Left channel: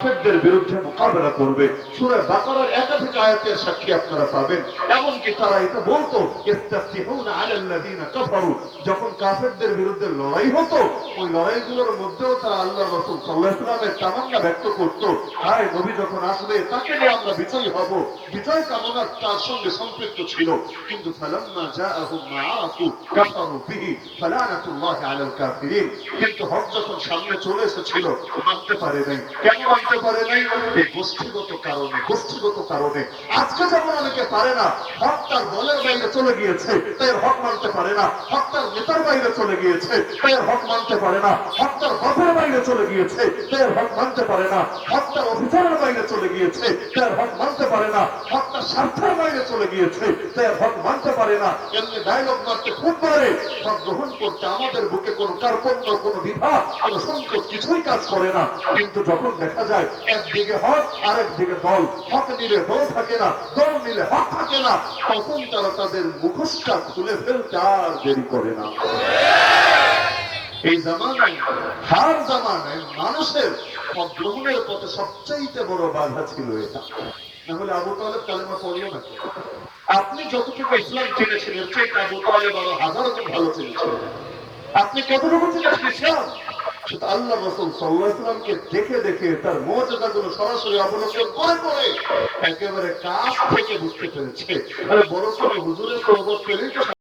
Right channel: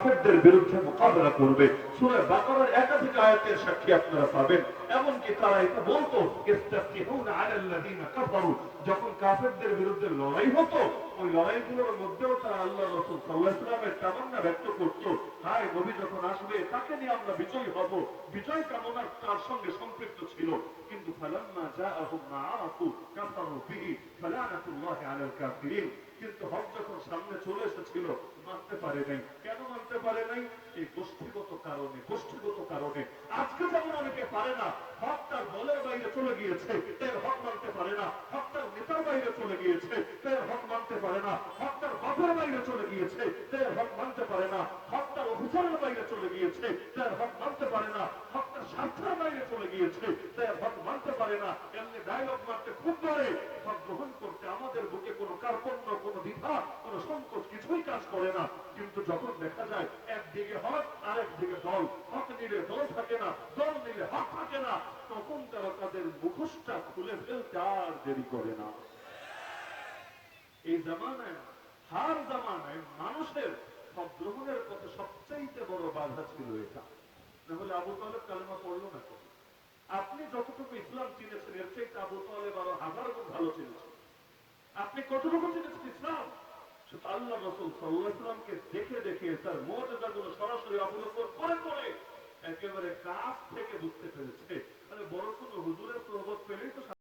কাফেরদের বিরুদ্ধে মোকাবেলা করবে। সূরা বাকারার একাধিক আয়াতের সাক্ষী আপনারা পাবেন। এমনকি তারা এটা বলতো ইস্তাফতিহুনা আলাল্লাযিনা কাফারু, যখন কাফেরদের বিরুদ্ধে লড়াই হতো ওই লড়াইগুলোর মধ্যেও তারা আল্লাহর রাসূল সাল্লাল্লাহু আলাইহি ওয়াসাল্লামের তামান্না ব্যক্ত করত, হায় নবী যখন আসবে তাকে নিয়ে আমরা বিজয়ী হব। বিজয় কামনা তার সঙ্গে সম্পৃক্ত ছিল। কিন্তু ফালাম্মা জাআহুম মা আরাফু কাফারু বিহি ফালানাতুল্লাহি আলাল কাফিরিন, কিন্তু হক যখন সামনে চলে এসেছিল মানতে পারে নাই। কেন মানতে পারে নাই? এই গোষ্ঠীগত কারণে। আজকে যেমন অনেকে পারে না, হক তার দলের বাইরে চলে গিয়েছে তাই হক মানতে পারে না, হক তার নেতার বাইরে চলে গিয়েছে তাই হক মানতে পারে না, হক তার বাপের বাইরে চলে গিয়েছে তাই হক মানতে পারে না, হক তার অফিসারের বাইরে চলে গিয়েছে তাই হক মানতে পারে না, হক তার স্বার্থের বাইরে চলে গিয়েছে তাই হক মানতে পারে না। এমনি ডায়লগ মারতে খুব পারে, হক গ্রহণ করতে আমাদের বুকে কোনো কার্পণ্য, কোনো দ্বিধা, কোনো সংকোচ কিছুই কাজ করে না। কিন্তু যখন দেখা যায় একদিকে হক আরেক দিকে দল, হক নিলে দল থাকে না, দল নিলে হক থাকে না, তখন তারা তাদের মুখোশটা খুলে ফেলতে আর দেরি করে না। এই জামানায়, হার জামানায় মানুষের হক গ্রহণের পথে সবচাইতে বড় বাধা ছিল এটা। নাহলে আবু তালেব কালেমা পড়ল না। আপনি যতটুকু ইসলাম চিনেছেন এর চেয়ে আবু তালেব আরো হাজার গুণ ভালো চিনেছেন। আপনি কতটুকু চিনেছেন ইসলাম? সেটা আল্লাহ রাসূল সাল্লাল্লাহু আলাইহি ওয়াসাল্লামকে দেখে দেখে তার মুজিজাগুলো সরাসরি অবলোকন করে করে একেবারে কাছ থেকে বুঝতে পেরেছে। আরে বড় করে হুজুরের সোহবত পেলেই তো